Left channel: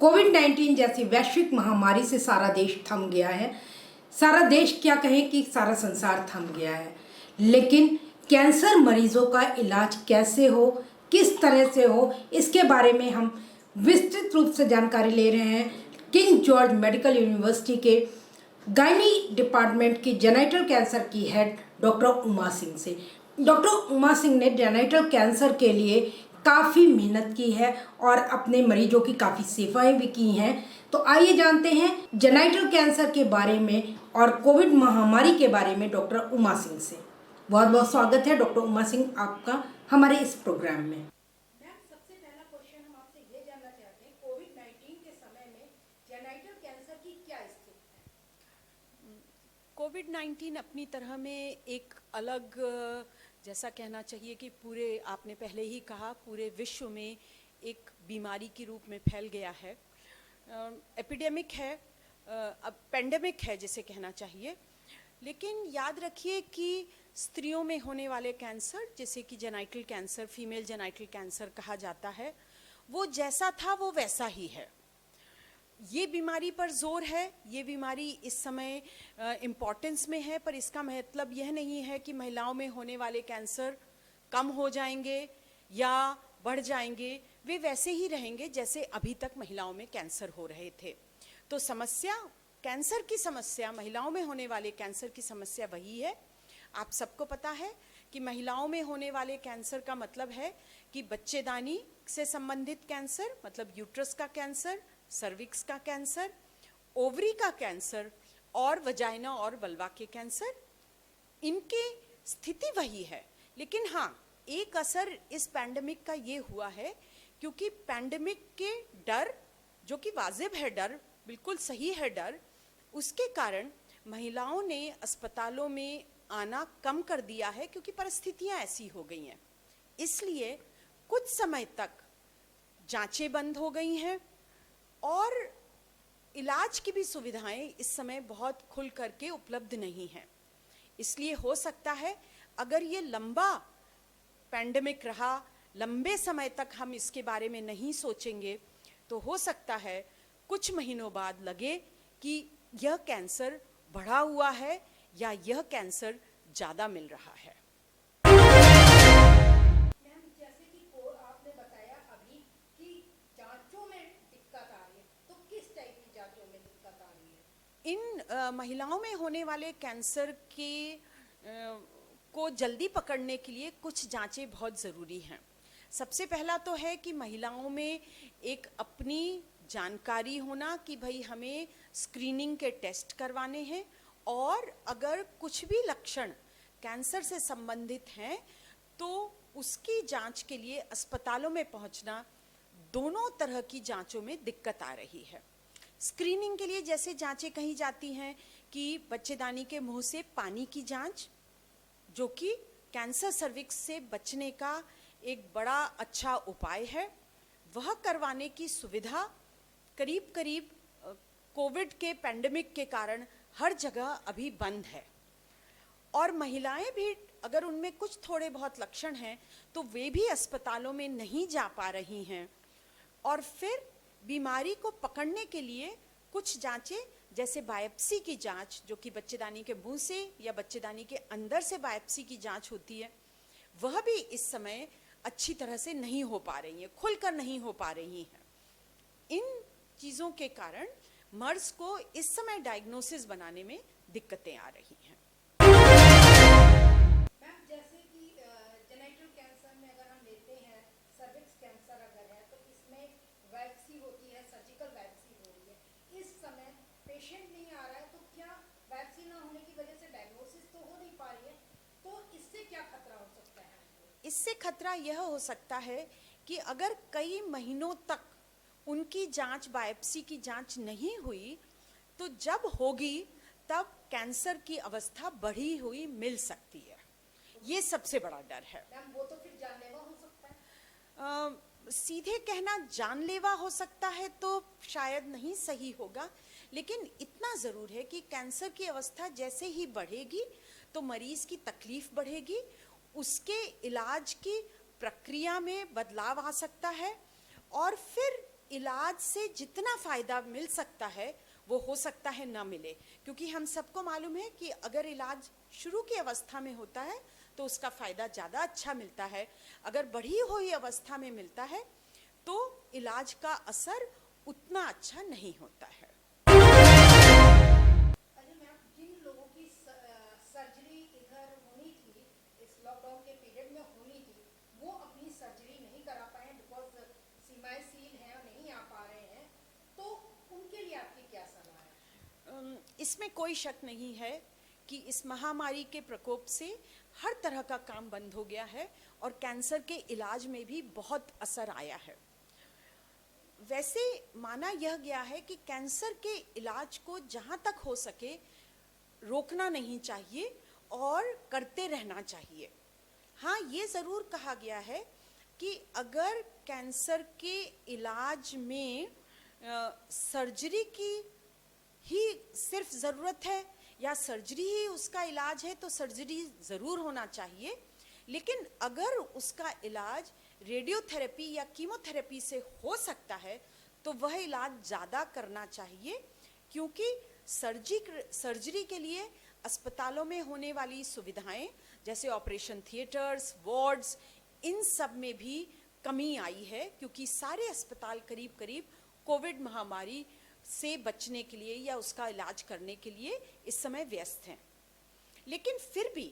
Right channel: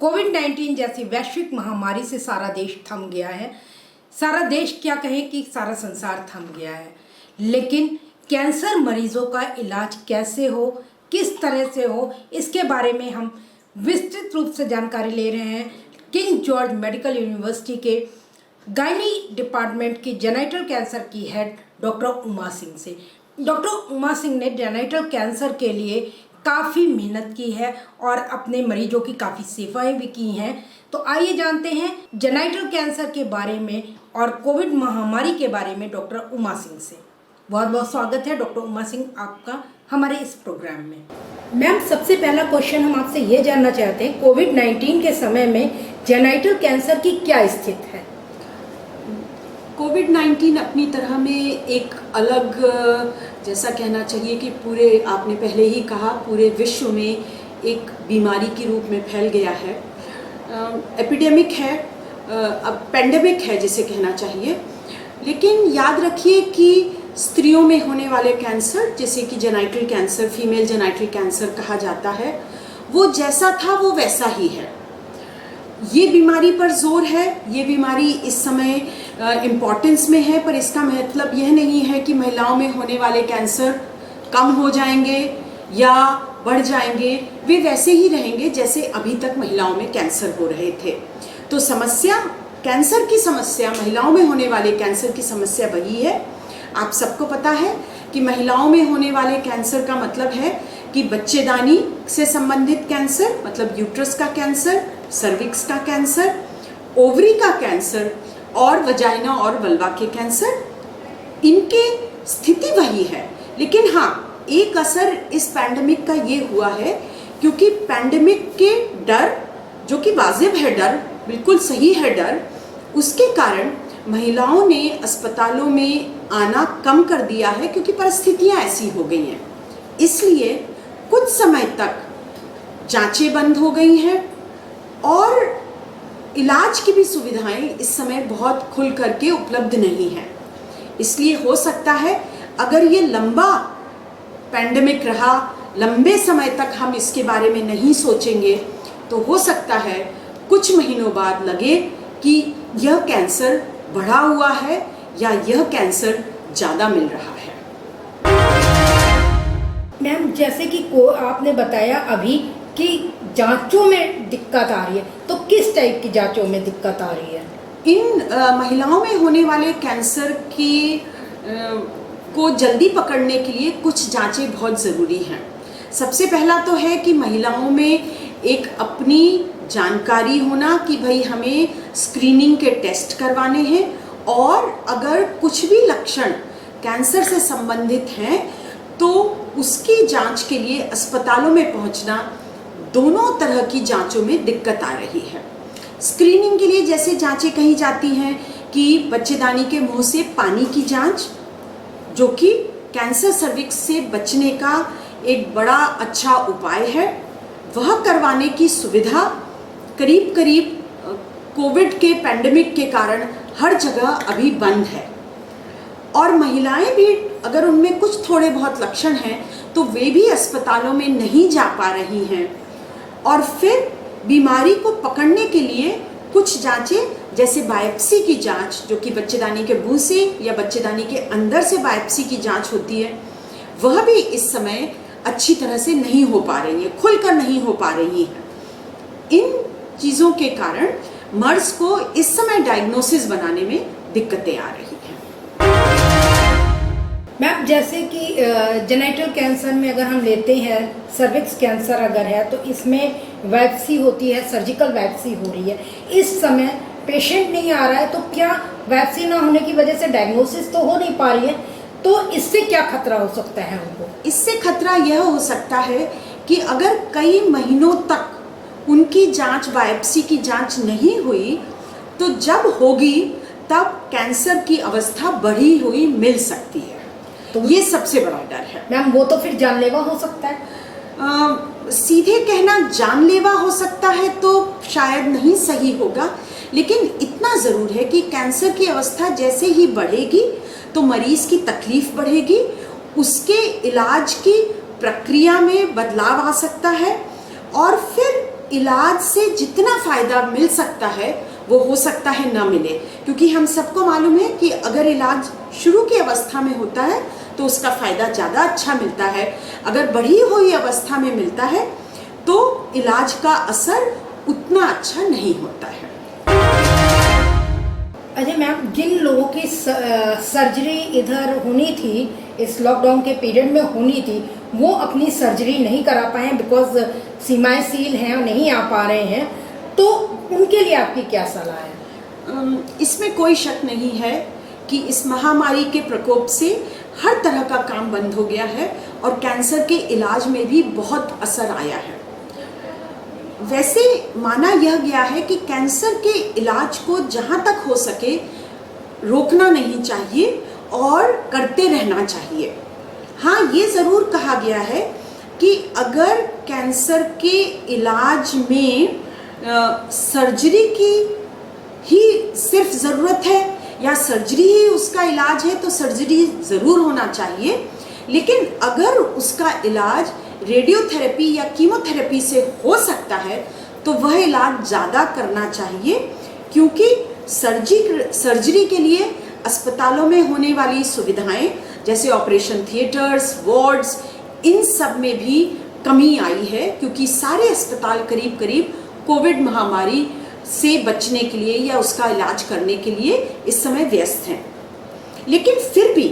कोविड-19 जैसी वैश्विक महामारी से सारा देश थम गया है। सारा देश क्या कहें कि सारा संसार थम गया है। लेकिन कैंसर मरीजों का इलाज कैसे हो, किस तरह से हो, इसके बारे में हम विस्तृत रूप से जानकारी ले रहे हैं किंग जॉर्ज मेडिकल यूनिवर्सिटी के गायनी डिपार्टमेंट की जेनिटल कैंसर की हेड डॉक्टर उमा सिंह से। डॉक्टर उमा सिंह ने जेनिटल कैंसर के लिए काफ़ी मेहनत की है और अपने मरीजों की काफ़ी सेवाएं भी की हैं। तो आइए जानते हैं जेनिटल कैंसर के बारे में और कोविड महामारी के बारे में डॉक्टर उमा सिंह से। बहुत बहुत स्वागत है डॉक्टर उमा सिंह आपका हमारे इस प्रोग्राम में। मैम, सबसे पहला क्वेश्चन हम आपसे ये जानना चाहते हैं, कोविड-19 के समय में जेनिटल कैंसर की क्या स्थिति है? कोविड-19 अपनी तरह में एक अलग, जैसा कहना चाहिए कि पूरे, आपने पहले ही कहा, पूरे विश्व में एक बीमारी के रूप में फैल गया है। एपिडेमिक है, अब पेंडेमिक है जिसे कहना चाहिए। लेकिन याद रखिए कि स्त्रियों में होने वाले कैंसर, जैसे कि genital cancer, female genital cancer कहा जाता है, वो जैसा था वो वैसा ही है। ये बीमारी पर जोर है, ये बीमारी इस समय इम्पॉर्टेंस में है, पर इसका मतलब यह नहीं है कि महिलाओं में होने वाले कैंसर कम हो जाएंगे या बढ़ जाएंगे। वे वैसे ही रहेंगे जैसे अभी तक महिलाओं में कैंसर हो रहे थे। तो समस्या, कैंसर की समस्या, महिलाओं में होने वाले कैंसर की समस्या वही है। आप सबको पता है कि महिलाओं में होने वाले कैंसर का मतलब है कि बच्चेदानी से संबंधित कैंसर, मतलब यूट्रस का कैंसर, सर्विक्स का कैंसर, ओवरी का कैंसर और वजाइना और वल्वा के कैंसर, इनके स्थिति वही है। लेकिन हाँ, एक असर इस पैंडेमिक का ये हुआ है, क्योंकि पैंडेमिक के डर, जो कि वाजिब है डर, बिल्कुल सही है डर, उसके कारण महिलाओं ने अस्पतालों में आना कम कर दिया है, क्योंकि परिस्थितियां ऐसी हो गई हैं। इसलिए कुछ समय तक जांचें बंद हो गई हैं और इलाज की भी सुविधाएं इस समय बहुत खुल करके उपलब्ध नहीं है। इसलिए हो सकता है अगर ये लंबा पैंडेमिक रहा, लंबे समय तक हम इसके बारे में नहीं सोचेंगे, तो हो सकता है कुछ महीनों बाद लगे कि यह कैंसर बढ़ा हुआ है या यह कैंसर ज़्यादा मिल रहा है। मैम, जैसे कि आपने बताया अभी कि जांचों में दिक्कत आ रही है, तो किस टाइप की जांचों में दिक्कत आ रही है? इन महिलाओं में होने वाले कैंसर की को जल्दी पकड़ने के लिए कुछ जांचें बहुत ज़रूरी हैं। सबसे पहला तो है कि महिलाओं में एक अपनी जानकारी होना कि भाई हमें स्क्रीनिंग के टेस्ट करवाने हैं, और अगर कुछ भी लक्षण कैंसर से संबंधित हैं तो उसकी जांच के लिए अस्पतालों में पहुंचना, दोनों तरह की जांचों में दिक्कत आ रही है। स्क्रीनिंग के लिए जैसे जांचें कही जाती हैं कि बच्चेदानी के मुंह से पानी की जांच, जो कि कैंसर सर्विक्स से बचने का एक बड़ा अच्छा उपाय है, वह करवाने की सुविधा करीब करीब कोविड के पैंडेमिक के कारण हर जगह अभी बंद है। और महिलाएं भी, अगर उनमें कुछ थोड़े बहुत लक्षण हैं तो वे भी अस्पतालों में नहीं जा पा रही हैं। और फिर बीमारी को पकड़ने के लिए कुछ जांचें, जैसे बायोप्सी की जांच, जो कि बच्चेदानी के मुंह से या बच्चेदानी के अंदर से बायोप्सी की जांच होती है, वह भी इस समय अच्छी तरह से नहीं हो पा रही है, खुलकर नहीं हो पा रही है। इन चीज़ों के कारण मर्ज को इस समय डायग्नोसिस बनाने में दिक्कतें आ रही हैं। मैम, जैसे कि जेनिटल कैंसर में अगर हम लेते हैं, सर्विक्स कैंसर अगर है तो इसमें बायोप्सी होती है, सर्जिकल बायोप्सी हो रही है। इस समय पेशेंट नहीं आ रहा है, तो क्या बायोप्सी ना होने की वजह से डायग्नोसिस तो हो नहीं पा रही है, तो इससे क्या खतरा हो सकता है उनको? इससे खतरा यह हो सकता है कि अगर कई महीनों तक उनकी जांच, बायोप्सी की जांच नहीं हुई, तो जब होगी तब कैंसर की अवस्था बढ़ी हुई मिल सकती है। तो ये सबसे बड़ा डर है। मैम, वो तो फिर जानलेवा हो सकता है। सीधे कहना जानलेवा हो सकता है तो शायद नहीं सही होगा, लेकिन इतना ज़रूर है कि कैंसर की अवस्था जैसे ही बढ़ेगी तो मरीज़ की तकलीफ़ बढ़ेगी, उसके इलाज की प्रक्रिया में बदलाव आ सकता है, और फिर इलाज से जितना फ़ायदा मिल सकता है वो हो सकता है ना मिले, क्योंकि हम सबको मालूम है कि अगर इलाज शुरू की अवस्था में होता है तो उसका फ़ायदा ज़्यादा अच्छा मिलता है, अगर बढ़ी हुई अवस्था में मिलता है तो इलाज का असर उतना अच्छा नहीं होता है। अजय मैम, जिन लोगों की सर्जरी इधर होनी थी, इस लॉकडाउन के पीरियड में होनी थी, वो अपनी सर्जरी नहीं करा पाए बिकॉज सीमाएं सील हैं और नहीं आ पा रहे हैं, तो उनके लिए आपकी क्या सलाह है? इसमें कोई शक नहीं है कि इस महामारी के प्रकोप से हर तरह का काम बंद हो गया है और कैंसर के इलाज में भी बहुत असर आया है। वैसे माना यह गया है कि कैंसर के इलाज को जहाँ तक हो सके रोकना नहीं चाहिए और करते रहना चाहिए। हाँ, ये ज़रूर कहा गया है कि अगर कैंसर के इलाज में सर्जरी की ही सिर्फ ज़रूरत है या सर्जरी ही उसका इलाज है तो सर्जरी ज़रूर होना चाहिए, लेकिन अगर उसका इलाज रेडियोथेरेपी या कीमोथेरेपी से हो सकता है तो वह इलाज ज़्यादा करना चाहिए, क्योंकि सर्जरी के लिए अस्पतालों में होने वाली सुविधाएं जैसे ऑपरेशन थिएटर्स, वार्ड्स, इन सब में भी कमी आई है, क्योंकि सारे अस्पताल करीब करीब कोविड महामारी से बचने के लिए या उसका इलाज करने के लिए इस समय व्यस्त हैं। लेकिन फिर भी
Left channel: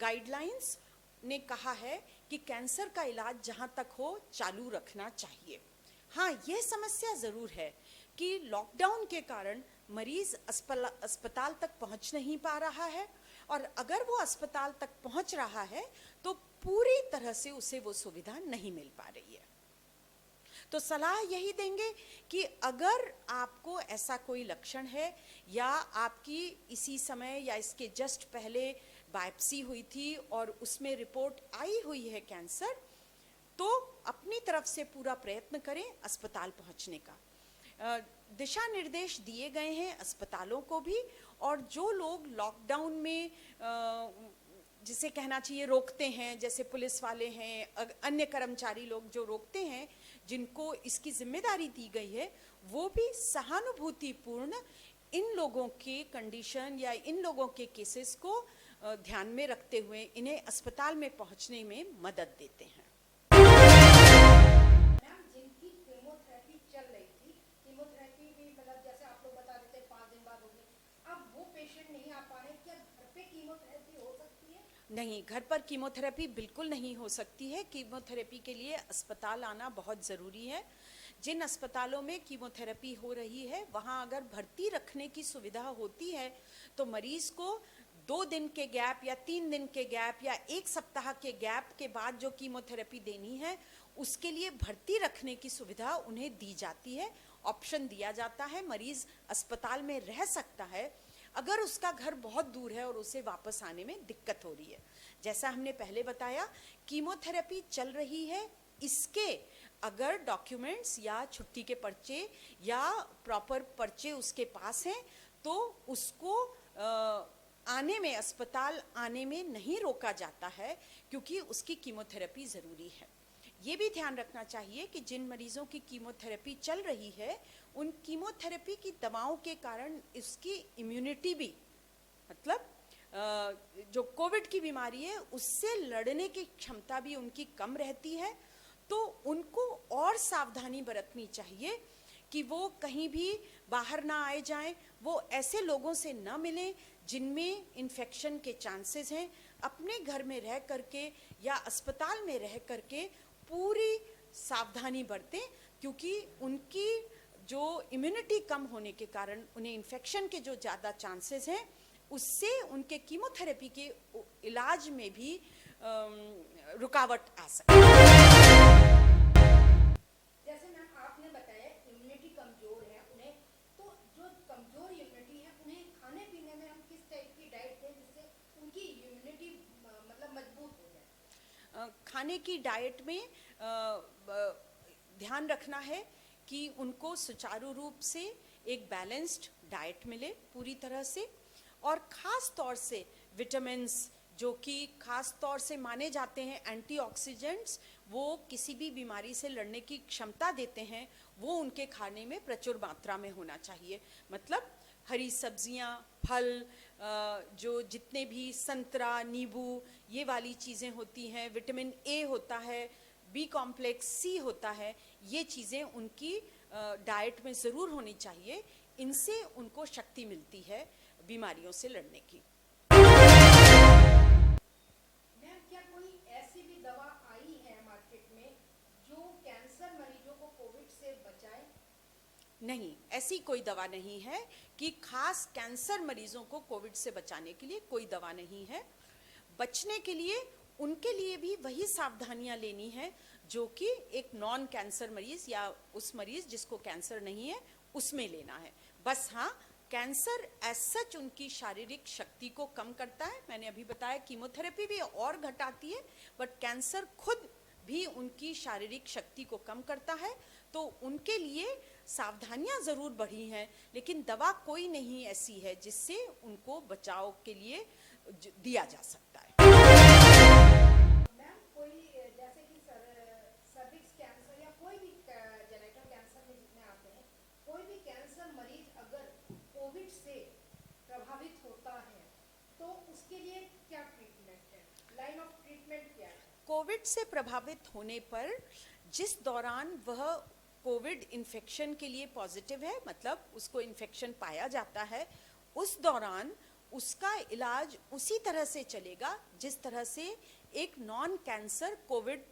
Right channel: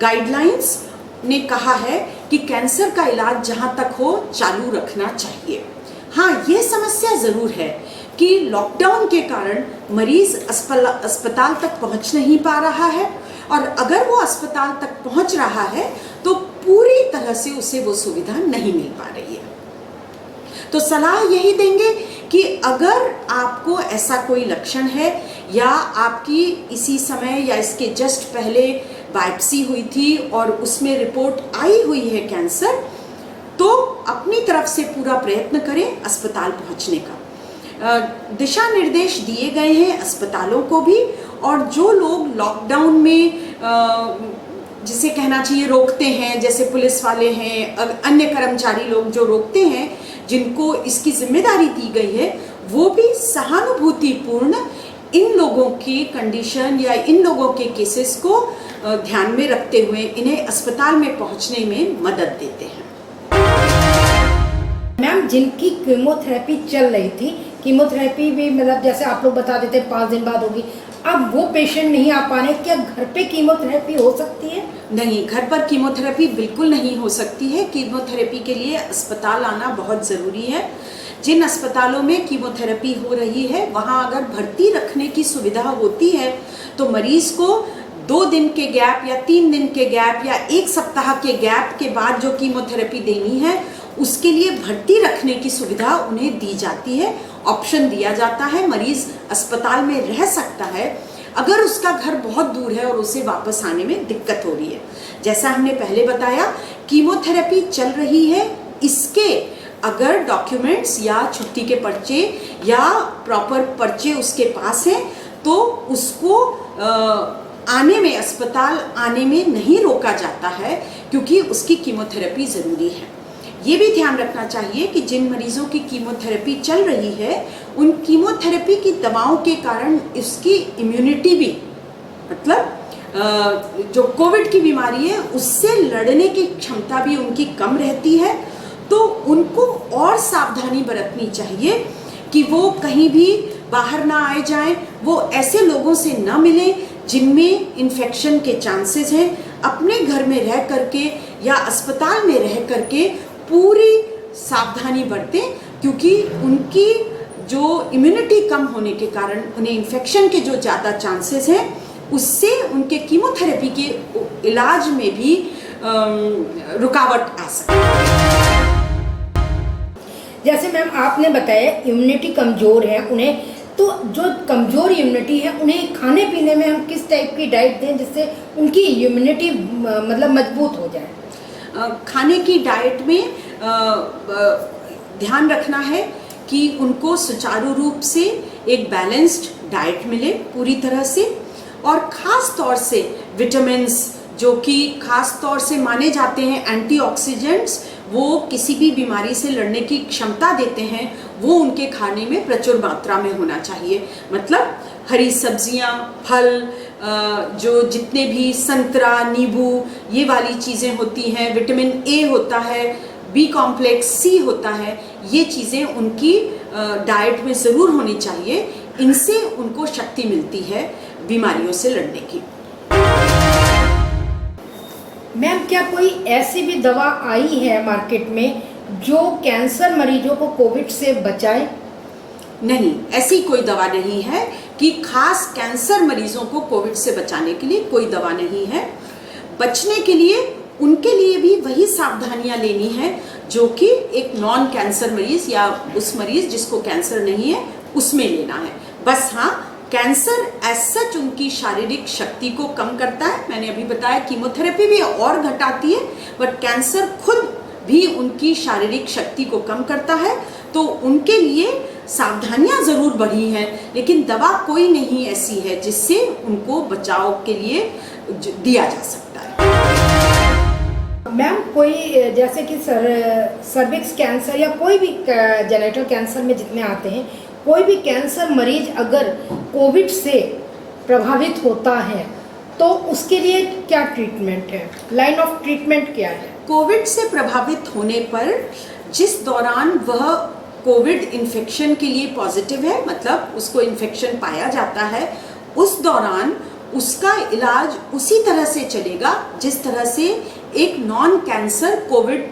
गाइडलाइंस ने कहा है कि कैंसर का इलाज जहां तक हो चालू रखना चाहिए। हाँ, ये समस्या ज़रूर है कि लॉकडाउन के कारण मरीज अस्पताल तक पहुंच नहीं पा रहा है, और अगर वो अस्पताल तक पहुंच रहा है तो पूरी तरह से उसे वो सुविधा नहीं मिल पा रही है। तो सलाह यही देंगे कि अगर आपको ऐसा कोई लक्षण है या आपकी इसी समय या इसके जस्ट पहले बायोप्सी हुई थी और उसमें रिपोर्ट आई हुई है कैंसर, तो अपनी तरफ से पूरा प्रयत्न करें अस्पताल पहुंचने का। दिशा निर्देश दिए गए हैं अस्पतालों को भी, और जो लोग लॉकडाउन में जिसे कहना चाहिए रोकते हैं, जैसे पुलिस वाले हैं, अन्य कर्मचारी लोग जो रोकते हैं, जिनको इसकी जिम्मेदारी दी गई है, वो भी सहानुभूतिपूर्ण इन लोगों की कंडीशन या इन लोगों के केसेस को ध्यान में रखते हुए इन्हें अस्पताल में पहुंचने में मदद देते हैं। मैम, जिनकी कीमोथेरेपी चल रही थी, कीमोथेरेपी भी मतलब जैसे आप लोग बता देते 5 दिन बाद होगी, अब वो पेशेंट नहीं आ पा रहे, क्या घर पे कीमोथेरेपी हो सकती है? नहीं, घर पर कीमोथेरेपी बिल्कुल नहीं हो सकती है। कीमोथेरेपी के लिए अस्पताल आना बहुत ज़रूरी है। जिन अस्पतालों में कीमोथेरेपी हो रही है वहाँ अगर भर्ती रखने की सुविधा होती है तो मरीज़ को 2 दिन के गैप या 3 दिन के गैप या 1 सप्ताह के गैप के बाद जो कीमोथेरेपी देनी है उसके लिए भर्ती रखने की सुविधा उन्हें दी जाती है, ऑप्शन दिया जाता है। मरीज़ अस्पताल में रह सकता है अगर उसका घर बहुत दूर है और उसे वापस आने में दिक्कत हो रही है। जैसा हमने पहले बताया, कीमोथेरेपी चल रही है, इसके अगर डॉक्यूमेंट्स या छुट्टी के पर्चे या प्रॉपर पर्चे उसके पास हैं तो उसको आने में, अस्पताल आने में नहीं रोका जाता है, क्योंकि उसकी कीमोथेरेपी ज़रूरी है। ये भी ध्यान रखना चाहिए कि जिन मरीजों की कीमोथेरेपी चल रही है उन कीमोथेरेपी की दवाओं के कारण उसकी इम्यूनिटी भी, मतलब जो कोविड की बीमारी है उससे लड़ने की क्षमता भी उनकी कम रहती है, तो उनको और सावधानी बरतनी चाहिए कि वो कहीं भी बाहर ना आए जाएं, वो ऐसे लोगों से ना मिलें जिनमें इन्फेक्शन के चांसेस हैं। अपने घर में रह करके या अस्पताल में रह करके पूरी सावधानी बरतें, क्योंकि उनकी जो इम्यूनिटी कम होने के कारण उन्हें इन्फेक्शन के जो ज़्यादा चांसेस हैं उससे उनके कीमोथेरेपी के इलाज में भी रुकावट आ सकती है। जैसे मैम आपने बताया इम्यूनिटी कमज़ोर है उन्हें, तो जो कमज़ोर इम्यूनिटी है उन्हें खाने पीने में हम किस टाइप की डाइट दें जिससे उनकी इम्यूनिटी मतलब मजबूत हो जाए? खाने की डाइट में ध्यान रखना है कि उनको सुचारू रूप से एक बैलेंस्ड डाइट मिले पूरी तरह से, और ख़ास तौर से विटामिन्स जो कि ख़ास तौर से माने जाते हैं एंटीऑक्सीडेंट्स, वो किसी भी बीमारी से लड़ने की क्षमता देते हैं, वो उनके खाने में प्रचुर मात्रा में होना चाहिए। मतलब हरी सब्जियां, फल, जो जितने भी संतरा, नींबू, ये वाली चीज़ें होती हैं, विटामिन ए होता है, बी कॉम्प्लेक्स, सी होता है, ये चीज़ें उनकी डाइट में ज़रूर होनी चाहिए। इनसे उनको शक्ति मिलती है बीमारियों से लड़ने की। मैम, क्या कोई ऐसी भी दवा आई है मार्केट में जो कैंसर मरीजों को कोविड से बचाए? नहीं, ऐसी कोई दवा नहीं है कि खास कैंसर मरीजों को कोविड से बचाने के लिए कोई दवा नहीं है। बचने के लिए उनके लिए भी वही सावधानियां लेनी है जो कि एक नॉन कैंसर मरीज या उस मरीज जिसको कैंसर नहीं है उसमें लेना है। बस हाँ, कैंसर एज सच उनकी शारीरिक शक्ति को कम करता है। मैंने अभी बताया कीमोथेरेपी भी और घटाती है, बट कैंसर खुद भी उनकी शारीरिक शक्ति को कम करता है। तो उनके लिए सावधानियां जरूर बढ़ी हैं, लेकिन दवा कोई नहीं ऐसी है जिससे उनको बचाव के लिए दिया जा सकता है। मैम, कोई जैसे कि सर्विक्स कैंसर या कोई भी जेनेटल कैंसर में जितने आते हैं, कोई भी कैंसर मरीज अगर कोविड से प्रभावित होता है तो उसके लिए क्या ट्रीटमेंट है, लाइन ऑफ ट्रीटमेंट क्या है? कोविड से प्रभावित होने पर जिस दौरान वह कोविड इन्फेक्शन के लिए पॉजिटिव है, मतलब उसको इन्फेक्शन पाया जाता है, उस दौरान उसका इलाज उसी तरह से चलेगा जिस तरह से एक नॉन कैंसर कोविड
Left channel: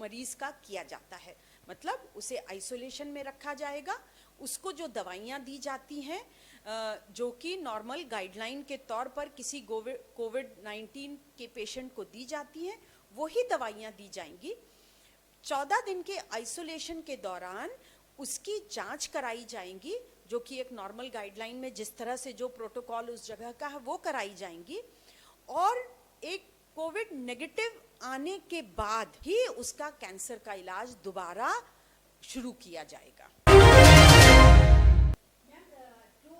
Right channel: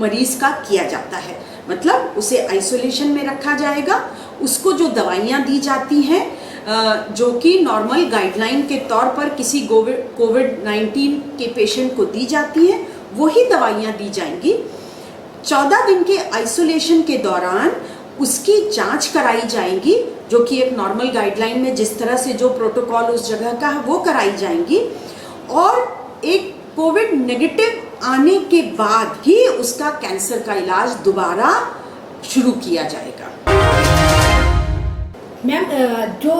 मरीज का किया जाता है। मतलब उसे आइसोलेशन में रखा जाएगा, उसको जो दवाइयाँ दी जाती हैं जो कि नॉर्मल गाइडलाइन के तौर पर किसी कोविड-19 के पेशेंट को दी जाती हैं, वही दवाइयाँ दी जाएंगी। 14 दिन के आइसोलेशन के दौरान उसकी जांच कराई जाएगी, जो कि एक नॉर्मल गाइडलाइन में जिस तरह से जो प्रोटोकॉल उस जगह का है वो कराई जाएंगी, और एक कोविड नेगेटिव आने के बाद ही उसका कैंसर का इलाज दोबारा शुरू किया जाएगा। मैम, जो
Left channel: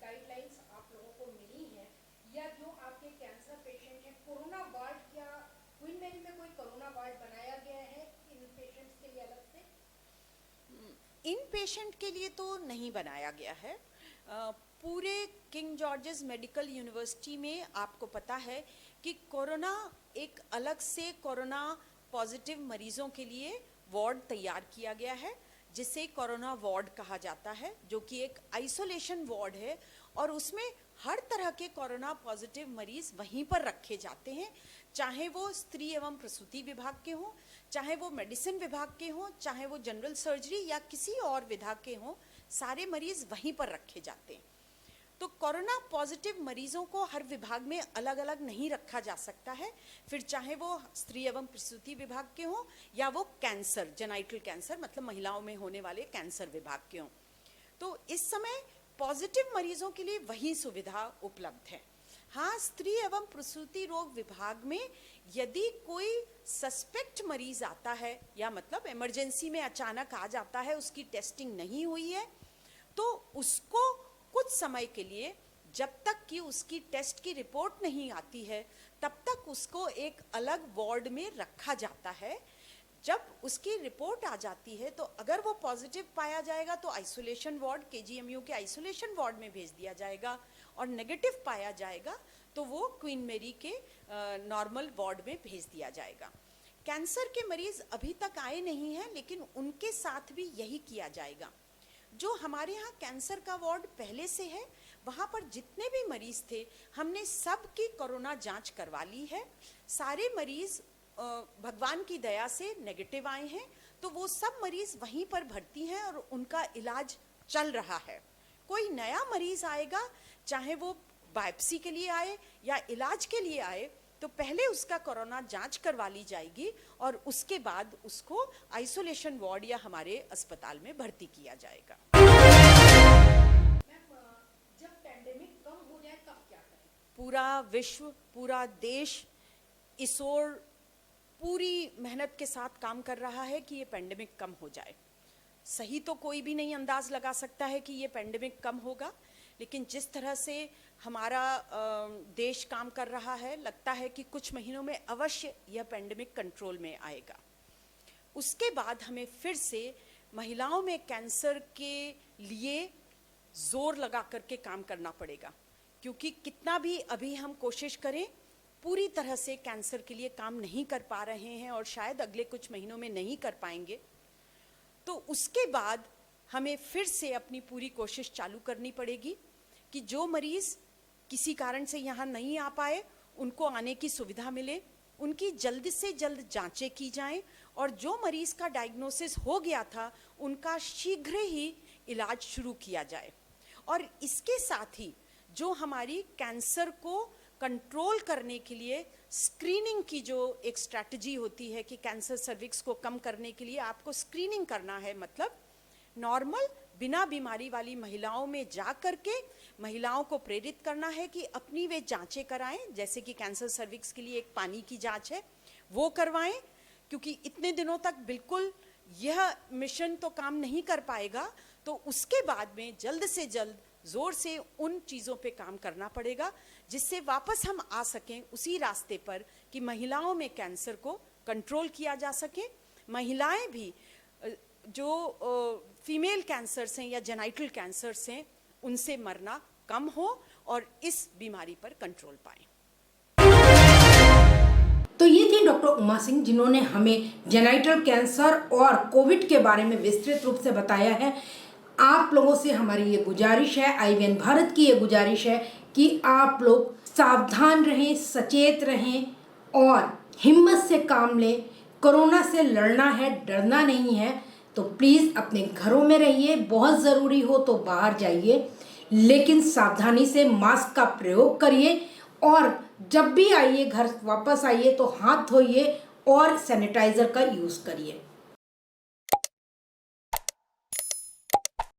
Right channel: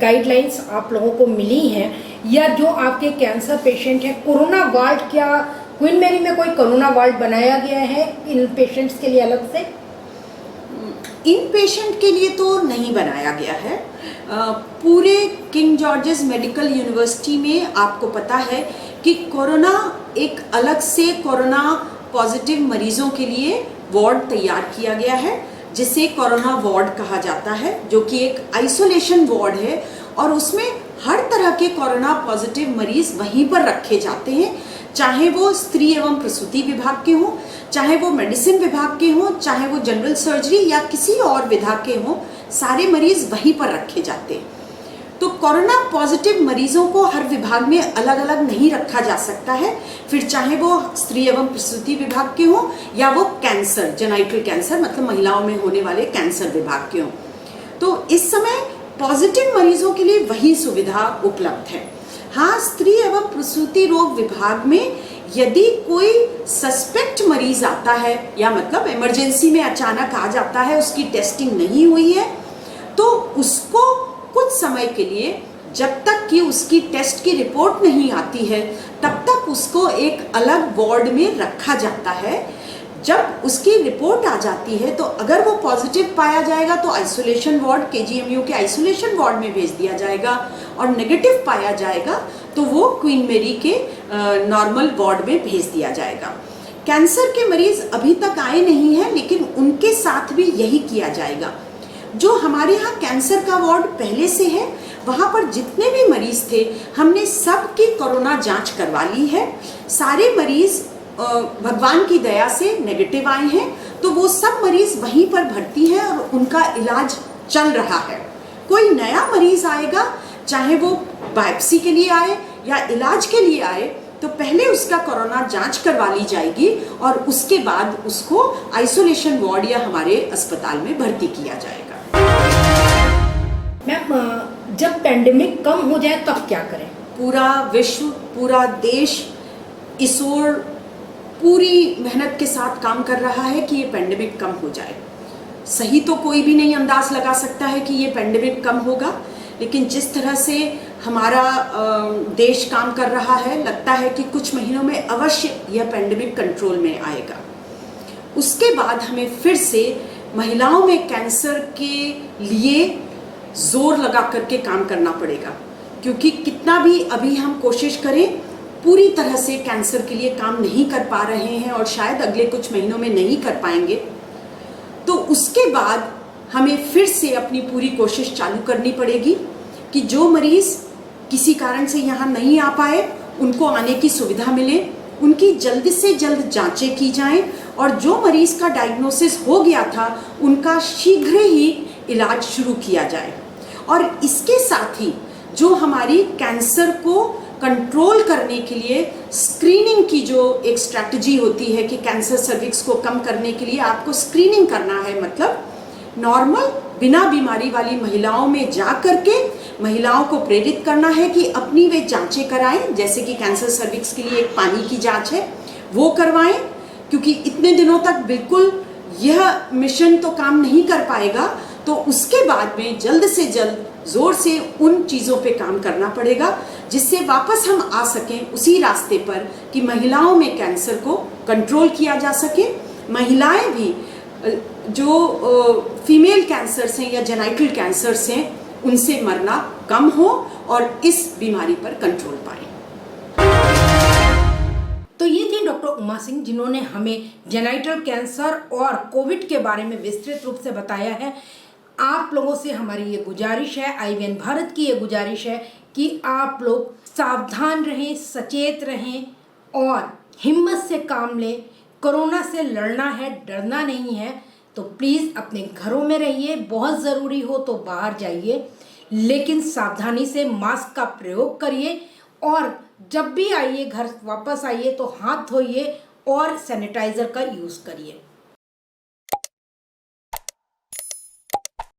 गाइडलाइंस आप लोगों को मिली हैं या जो आपके कैंसर पेशेंट हैं, कोरोना वार्ड, क्या क्वीन मैरी में कोई कोरोना वार्ड बनाया गया है इन पेशेंट्स के लिए अलग से? इन पेशेंट के लिए तो नहीं बनाया गया है। पूरे किंग जॉर्जेस मेडिकल यूनिवर्सिटी में आपको पता है कि कोरोना एक अलग से कोरोना पॉजिटिव मरीजों के लिए वार्ड तैयार किया गया है, जिसे कोरोना वार्ड कहा जाता है, जो कि एक आइसोलेशन वार्ड है, और उसमें हर तरह के कोरोना पॉजिटिव मरीज वहीं पर रखे जाते हैं, चाहे वो स्त्री एवं प्रसूति विभाग के हों, चाहे वो मेडिसिन विभाग के हों, चाहे वो जनरल सर्जरी या किसी और विभाग के हों, सारे मरीज वहीं पर रखे जाते हैं। तो कोरोना पॉजिटिव मरीजों को हर विभाग में अलग अलग नहीं रखा जा सकता है, फिर चाहे वो स्त्री एवं प्रसूति विभाग के हों या वो कैंसर, जेनाइटल कैंसर मतलब महिलाओं में होने वाले कैंसर विभाग के हों। तो इस समय पॉजिटिव मरीजों के लिए वही सुविधा उपलब्ध है। हाँ, स्त्री एवं प्रसूति रोग विभाग में यदि कोई सस्पेक्ट मरीज आता है या मतलब इमरजेंसी में अचानक आ जाता है, उसकी टेस्टिंग नहीं हुई है, तो उसको कुछ समय के लिए, जब तक कि उसकी टेस्ट की रिपोर्ट नहीं आती है, तब तक उसको एक अलग वार्ड में रखा जाता है। जब उसकी रिपोर्ट आ जाती है तो अगर वो पॉजिटिव पाया जाएगा तो आइसोलेशन वार्ड, केजीएमयू के आइसोलेशन वार्ड में भेज दिया जाएगा, और नेगेटिव पाया जाएगा तो वो क्वीन मैरी के नॉर्मल वार्ड में भेज दिया जाएगा। कैंसर के मरीज अभी तक आए नहीं हैं, लेकिन उनके साथ भी यही किया जाएगा। जो हमारे यहाँ कैंसर का वार्ड पहले से है, वहाँ पर जितने भी मरीज थे हमने सबकी कोरोना जांच करवा ली है। सारे मरीज भगवान की दया से नेगेटिव आए हैं, तो वो सब मरीज वहीं पर भर्ती हैं और उनका इलाज चल रहा है। कोई नया मरीज आएगा, चाहे वो बायोप्सी के लिए आए या इलाज के लिए आए, तो पहले उसका कोरोना जांच करवा ली जाएगी और उसके बाद उसको आइसोलेशन वार्ड या हमारे अस्पताल में भर्ती किया जाएगा। मैम, जब पेंडेमिक कम हो जाए तब क्या करें? पूरा विश्व, पूरा देश इस ओर पूरी मेहनत के साथ काम कर रहा है कि ये पेंडेमिक कम हो जाए। सही तो कोई भी नहीं अंदाज लगा सकता है कि ये पेंडेमिक कम होगा, लेकिन जिस तरह से हमारा देश काम कर रहा है, लगता है कि कुछ महीनों में अवश्य यह पेंडेमिक कंट्रोल में आएगा। उसके बाद हमें फिर से महिलाओं में कैंसर के लिए जोर लगा करके काम करना पड़ेगा, क्योंकि कितना भी अभी हम कोशिश करें पूरी तरह से कैंसर के लिए काम नहीं कर पा रहे हैं और शायद अगले कुछ महीनों में नहीं कर पाएंगे। तो उसके बाद हमें फिर से अपनी पूरी कोशिश चालू करनी पड़ेगी कि जो मरीज़ किसी कारण से यहाँ नहीं आ पाए उनको आने की सुविधा मिले, उनकी जल्द से जल्द जांचें की जाएं और जो मरीज़ का डायग्नोसिस हो गया था उनका शीघ्र ही इलाज शुरू किया जाए। और इसके साथ ही जो हमारी कैंसर को कंट्रोल करने के लिए स्क्रीनिंग की जो एक स्ट्रैटेजी होती है कि कैंसर सर्विक्स को कम करने के लिए आपको स्क्रीनिंग करना है, मतलब नॉर्मल बिना बीमारी वाली महिलाओं में जा करके महिलाओं को प्रेरित करना है कि अपनी वे जांचें कराएं, जैसे कि कैंसर सर्विक्स के लिए एक पानी की जांच है वो करवाएं, क्योंकि इतने दिनों तक बिल्कुल यह मिशन तो काम नहीं कर पाएगा। तो उसके बाद में जल्द से जल्द जोर से उन चीज़ों पे काम करना पड़ेगा जिससे वापस हम आ सकें उसी रास्ते पर कि महिलाओं में कैंसर को कंट्रोल किया जा सके। महिलाएं भी जो फीमेल कैंसर्स हैं या जेनाइटल कैंसर्स हैं उनसे मरना कम हो और इस बीमारी पर कंट्रोल पाए। तो ये थी डॉक्टर उमा सिंह, जिन्होंने हमें जेनाइटल कैंसर और कोविड के बारे में विस्तृत रूप से बताया है। आप लोगों से हमारी ये गुजारिश है, IVN भारत की ये गुजारिश है कि आप लोग सावधान रहें, सचेत रहें और हिम्मत से काम लें। कोरोना से लड़ना है, डरना नहीं है। तो प्लीज़ अपने घरों में रहिए, बहुत ज़रूरी हो तो बाहर जाइए, लेकिन सावधानी से मास्क का प्रयोग करिए और जब भी आइए घर वापस आइए तो हाथ धोइए और सैनिटाइज़र का यूज़ करिए।